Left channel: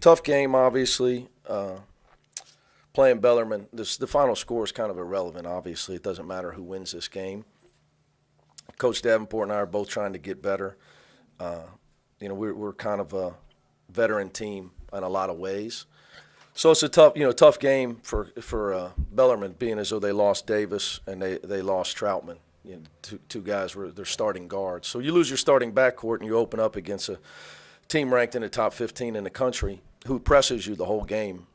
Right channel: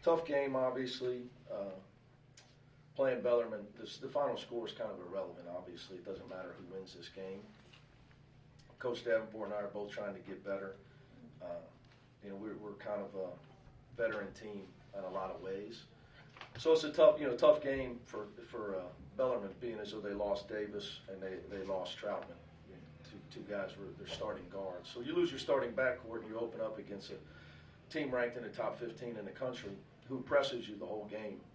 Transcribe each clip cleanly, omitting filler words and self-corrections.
Tough game, obviously. Playing Bellarmine, the final score is kind of irrelevant, obviously. It doesn't matter who wins this game. Coach Davenport and I are both trying to get better. We're kind of a veteran team in a lot of ways. So it's a tough game for Bellarmine, being as though they lost Davis and they lost Troutman. Two guys were their starting guards. So you lose your starting backcourt and you open up against a team ranked in the top 15 in the country who presses you the whole game.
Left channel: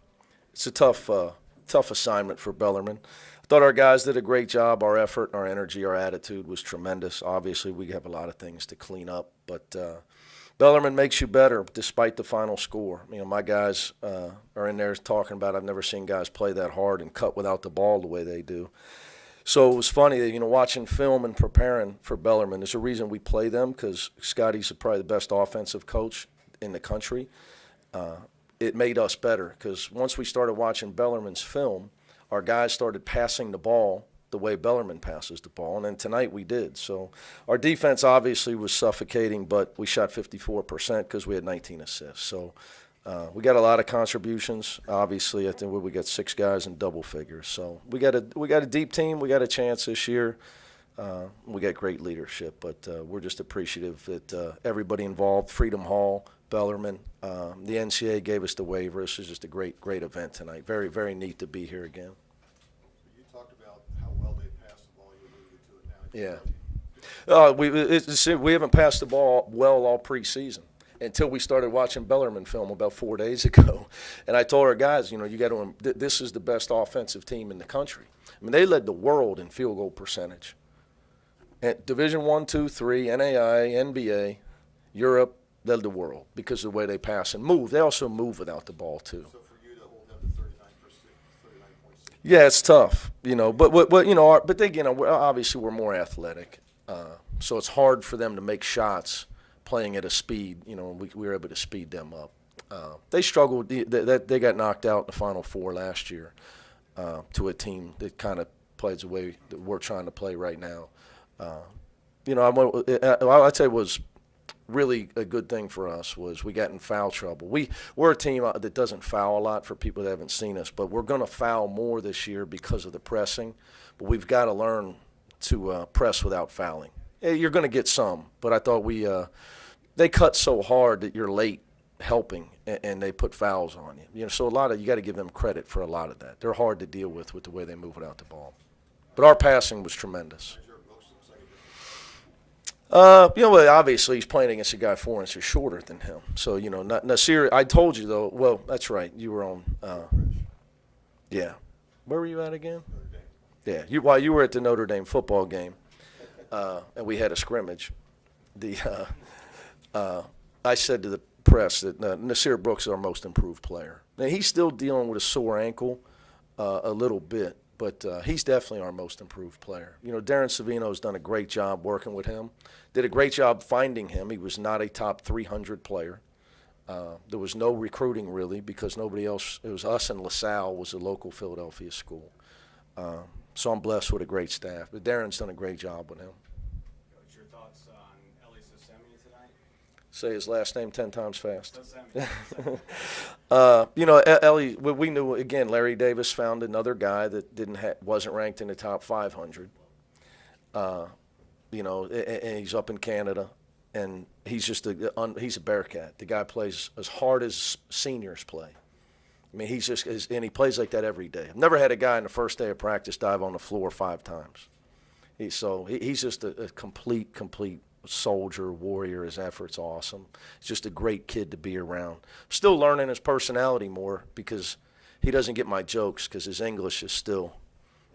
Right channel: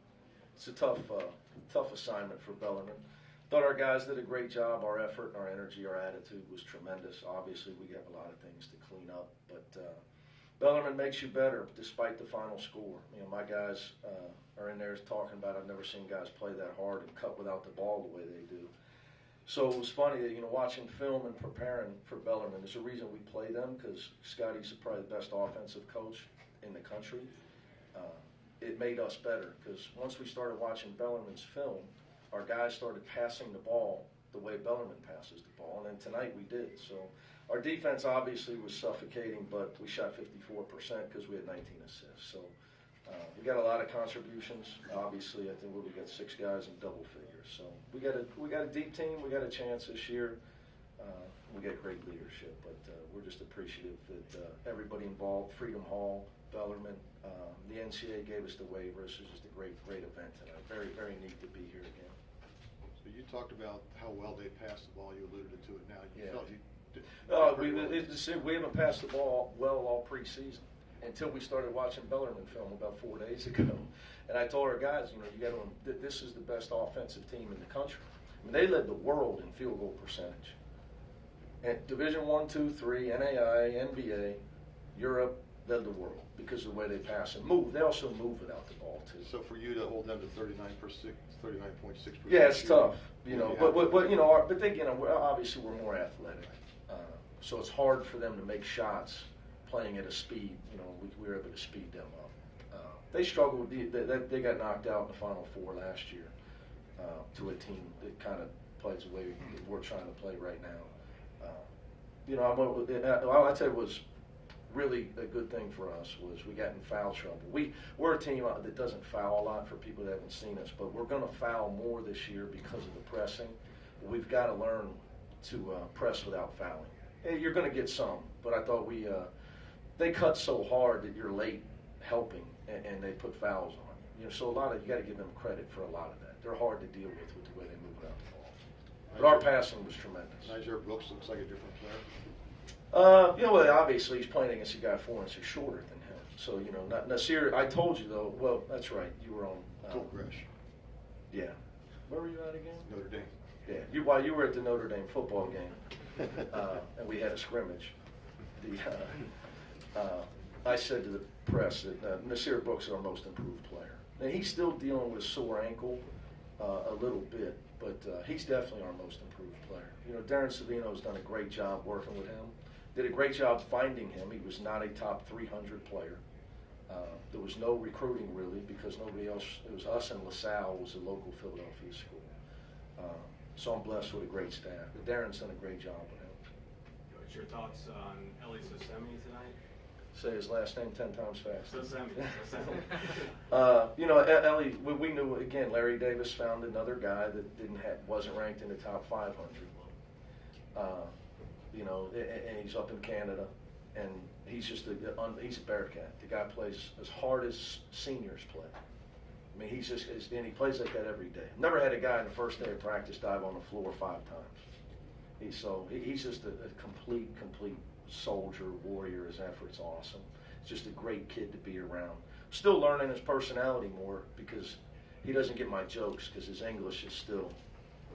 It's a tough assignment for Bellarmine. I thought our guys did a great job. Our effort, our energy, our attitude was tremendous. Obviously, we have a lot of things to clean up, but Bellarmine makes you better despite the final score. My guys are in there talking about, I've never seen guys play that hard and cut without the ball the way they do. So it was funny that, watching film and preparing for Bellarmine, there's a reason we play them, because Scotty's probably the best offensive coach in the country. It made us better, because once we started watching Bellarmine's film, our guys started passing the ball the way Bellarmine passes the ball, and then tonight we did. So our defense obviously was suffocating, but we shot 54% because we had 19 assists. So we got a lot of contributions. Obviously, I think we got 6 guys in double figures. So we got a deep team. We got a chance this year. We got great leadership, but we're just appreciative that everybody involved, Freedom Hall, Bellarmine, the NCAA gave us the waiver. This is just a great event tonight. Very, very neat to be here again. So you talked about how well they passed the ball. You alluded to it now. Yeah. We haven't passed the ball well all preseason until we started watching Bellarmine film about 4 days ago. And I told our guys, you got to. This is the best offensive team in the country. They led the world in field goal percentage. And Division I, II, III, NAI, NBA, Europe. Led the world because of the way they pass and move. They also move without the ball too. So for you to hold them to 39.6. Yeah, it's tough, but again, obviously we're more athletic, so it's hard for them to make shots playing at a speed. We were able to speed them up. They struggled. They got knocked out in the Final Four last year to a team that kind of plays the way that we're trying to play right now. I'd say it was really a good thing for us was we got in foul trouble. We're a team that doesn't foul a lot for people that haven't seen us, but we're going to foul more this year because of the pressing. But we've got to learn to press without fouling. You're going to get some, but I thought they cut so hard that you're late helping, and they put fouls on you. So you got to give them credit for a lot of that. They're hard to deal with the way they move without the ball. But our passing was tremendous. Niger Brooks looks like a different player. Obviously he's playing against a guy 4 inches shorter than him. So, Nasir, I told you, though, well, that's right. You were on, yeah. Where were you at again? Notre Dame. Yeah, while you were at the Notre Dame football game, and we had a scrimmage, I said to the press that Nasir Brooks is our most improved player. And he's still dealing with a sore ankle a little bit, but he's definitely our most improved player. Darren Savino's done a great job working with him. Did a great job finding him. He was not a top 300 player. There was no recruiting really because nobody else. It was us and LaSalle was a local Philadelphia school. So I'm blessed with a great staff. But Darren's done a great job with him. What's your thoughts on Ellie Sosemi tonight? Say his last name 10 times fast. Sosemi. Ellie, we knew again. Larry Davis found another guy that wasn't ranked in the top 500. And he's up in Canada, and he's just he's a Bearcat. The guy plays as hard as seniors play. And he plays like that every day. I've never had a guy in the first day of practice dive on the floor 5 times. He's just a complete soldier, warrior. His effort's awesome. He's just a great kid to be around. Still learning his personality more because he doesn't get my jokes because his English is still,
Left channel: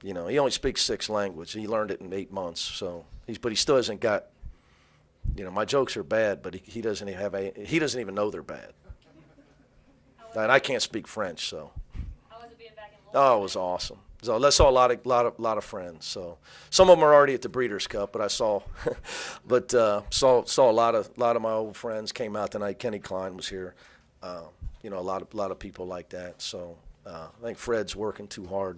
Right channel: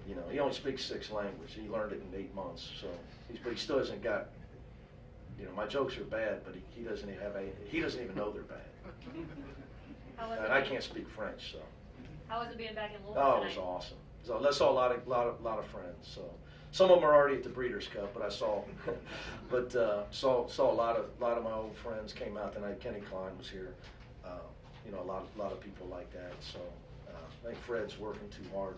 he only speaks 6 languages. He learned it in 8 months. So but he still hasn't got, my jokes are bad, but he doesn't even know they're bad. And I can't speak French, so. How was it being back in Louisville? Oh, it was awesome. So I saw a lot of friends. So some of them are already at the Breeders' Cup, but I saw, saw a lot of my old friends came out tonight. Kenny Klein was here. A lot of people like that. So I think Fred's working too hard.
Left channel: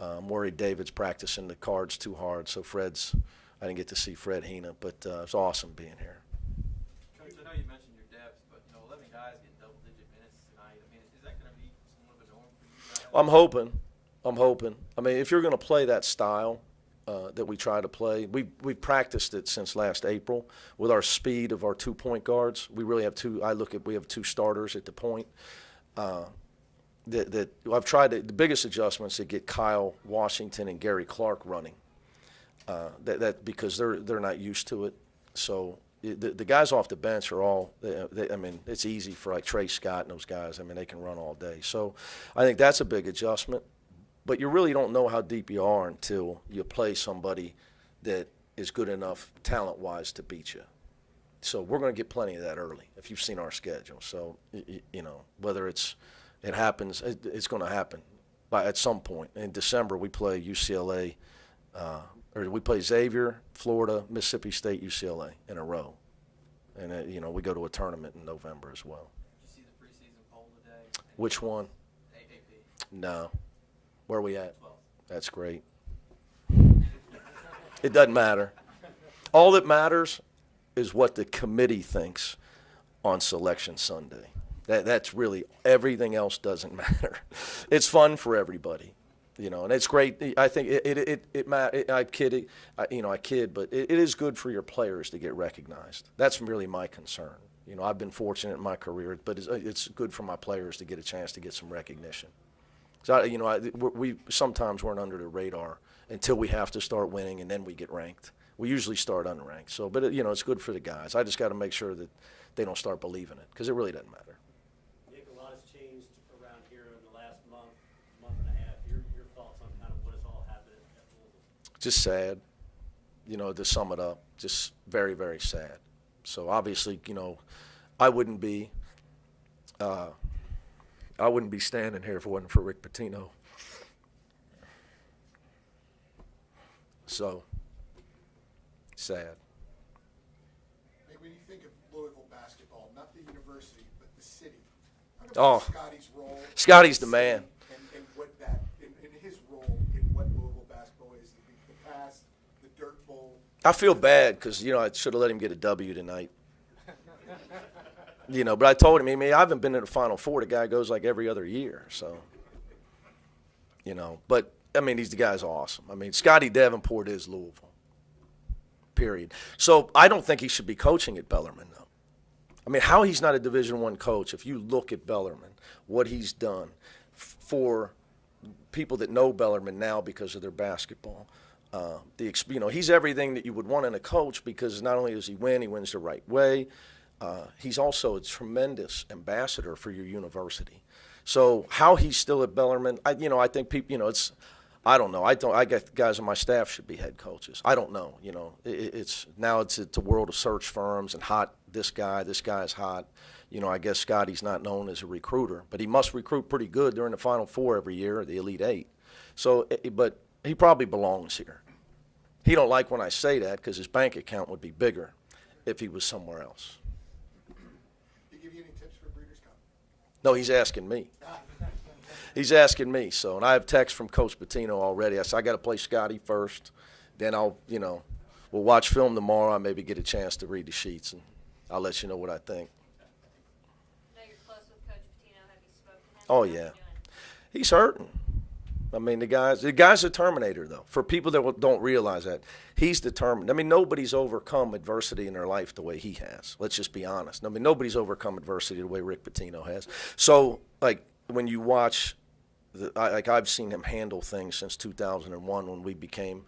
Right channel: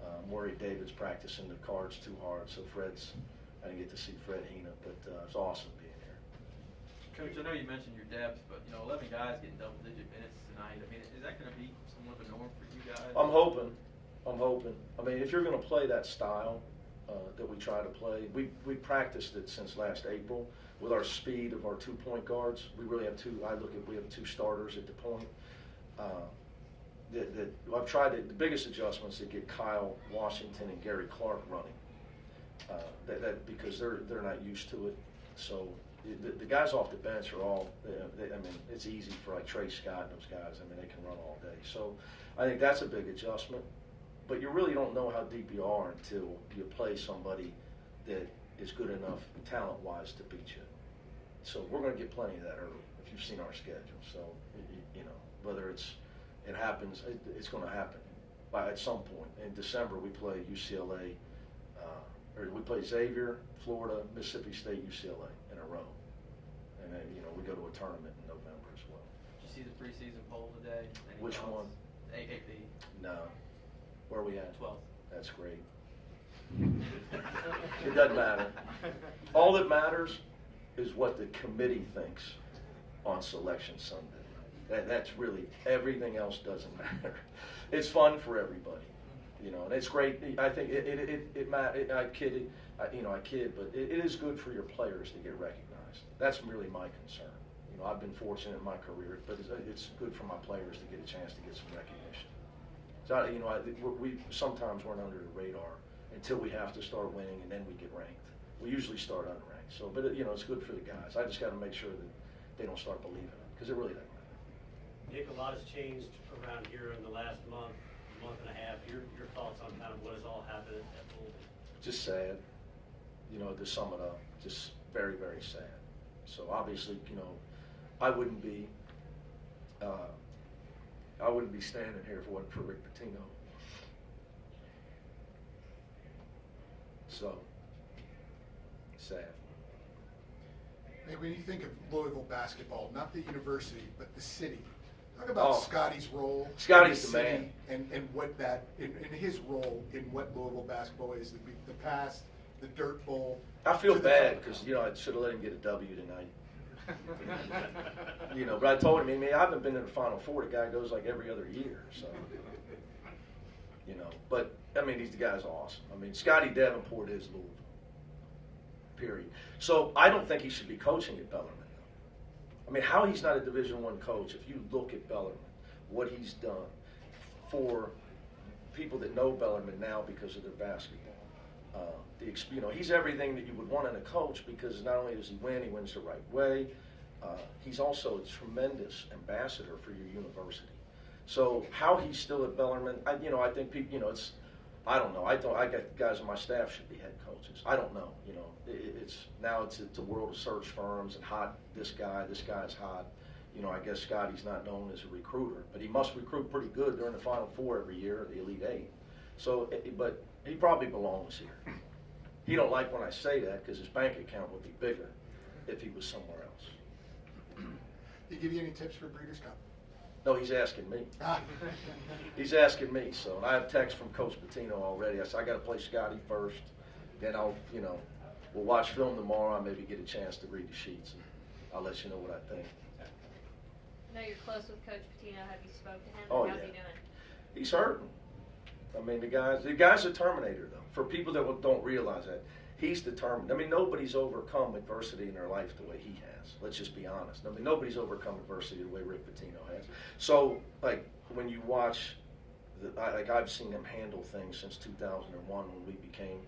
I'm worried David's practicing the cards too hard. So I didn't get to see Fred Hina, but it was awesome being here. Coach, I know you mentioned your depth, but 11 guys getting double-digit minutes tonight. I'm hoping. I mean, if you're going to play that style that we try to play, we practiced it since last April with our speed of our 2-point guards. We really have two. We have 2 starters at the point. That I've tried the biggest adjustments to get Kyle Washington and Gary Clark running. Because they're not used to it. So the guys off the bench are all. I mean, it's easy for like Trey Scott and those guys. I mean, they can run all day. So I think that's a big adjustment. But you really don't know how deep you are until you play somebody that is good enough talent-wise to beat you. So we're going to get plenty of that early if you've seen our schedule. So you know, whether it happens, it's going to happen. At some point in December, we play UCLA. Or we play Xavier, Florida, Mississippi State, UCLA in a row. And, you know, we go to a tournament in November as well. Did you see the preseason poll today? Which one? AAP. No. Where are we at? 12th. That's great. It doesn't matter. All that matters is what the committee thinks on Selection Sunday. That's really, everything else doesn't matter. It's fun for everybody. You know, and it's great. I think I kid, but it is good for your players to get recognized. That's really my concern. You know, I've been fortunate in my career, but it's good for my players to get a chance to get some recognition. So, you know, we sometimes weren't under the radar until we have to start winning, and then we get ranked. We usually start unranked. So, but you know, it's good for the guys. I just got to make sure that they don't start believing it, because it really doesn't matter. Nick, a lot has changed around here in the last month and a half. Your thoughts on kind of what has all happened at Louisville? Just sad, you know, to sum it up. Just very, very sad. So obviously, you know, I wouldn't be standing here if it wasn't for Rick Pitino. So sad. Hey, when you think of Louisville basketball, not the university, but the city, talk about Scotty's role. Scotty's the in city man. And what that, in his role in what Louisville basketball is, the past, the Dirt Bowl. I feel bad because, you know, I should have let him get a W tonight. You know, but I told him, I mean, I haven't been in the Final Four. The guy goes like every other year, so. You know, but, I mean, the guy's awesome. I mean, Scotty Davenport is Louisville, period. So I don't think he should be coaching at Bellarmine, though. I mean, how he's not a Division I coach, if you look at Bellarmine, what he's done for people that know Bellarmine now because of their basketball. You know, he's everything that you would want in a coach, because not only does he wins the right way, he's also a tremendous ambassador for your university. So how he's still at Bellarmine, I think people, you know, I don't know. I got guys on my staff should be head coaches. I don't know. You know, it's a world of search firms and hot. This guy's hot. You know, I guess Scotty's not known as a recruiter, but he must recruit pretty good during the Final Four every year, the Elite Eight. So, but he probably belongs here. He don't like when I say that, because his bank account would be bigger if he was somewhere else. Did he give you any tips for Breeders' Cup? No, he's asking me. He's asking me. So, and I have text from Coach Pitino already. I said, I got to play Scotty first. Then we'll watch film tomorrow. I maybe get a chance to read the sheets, and I'll let you know what I think. I know you're close with Coach Pitino. Have you spoke to him? Oh, How's he yeah. doing? He's hurting. I mean, the guy's a Terminator, though. For people that don't realize that, he's determined. I mean, nobody's overcome adversity in their life the way he has. Let's just be honest. I mean, nobody's overcome adversity the way Rick Pitino has. So, like, when you watch, I've seen him handle things since 2001 when we became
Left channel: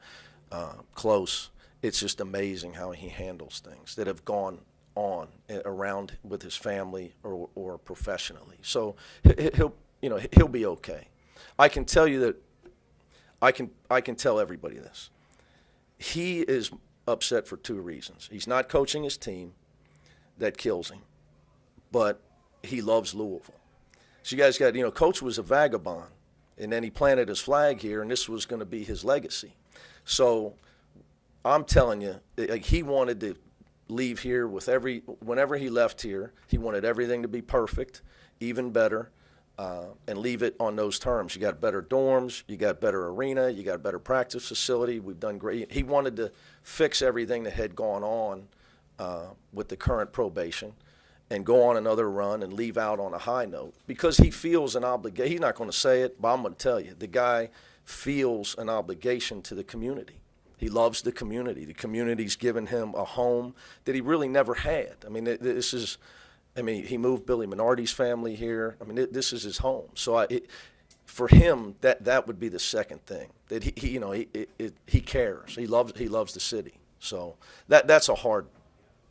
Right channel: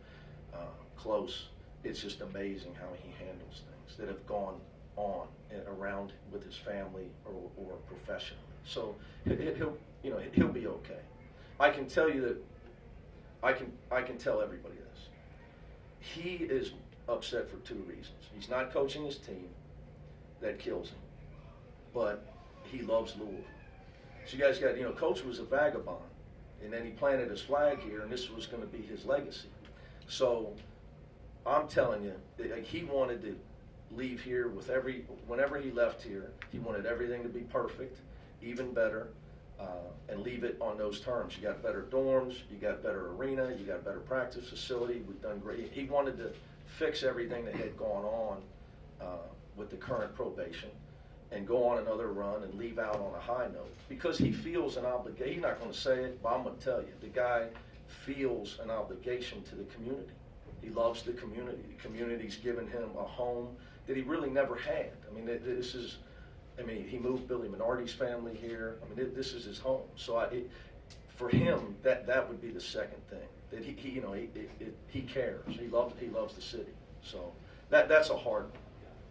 close. It's just amazing how he handles things that have gone on around with his family or professionally. So he'll be okay. I can tell you that I can tell everybody this. He is upset for 2 reasons. He's not coaching his team. That kills him. But he loves Louisville. So you guys got, Coach was a vagabond, and then he planted his flag here, and this was going to be his legacy. So I'm telling you, like, he wanted to leave here with whenever he left here, he wanted everything to be perfect, even better. And leave it on those terms. You got better dorms, you got better arena, you got a better practice facility. We've done great. He wanted to fix everything that had gone on with the current probation, and go on another run and leave out on a high note because he feels an obligation. He's not going to say it, but I'm going to tell you, the guy feels an obligation to the community. He loves the community. The community's given him a home that he really never had. I mean, he moved Billy Minardi's family here. I mean, this is his home. So for him, that would be the second thing, that he cares. He loves the city. So that's a hard.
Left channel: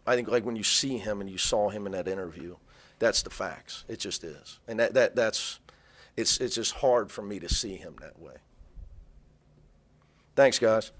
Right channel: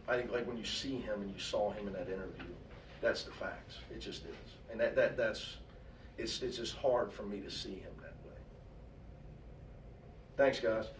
I think like when you see him and you saw him in that interview, that's the facts. It just is, and it's just hard for me to see him that way. Thanks, guys.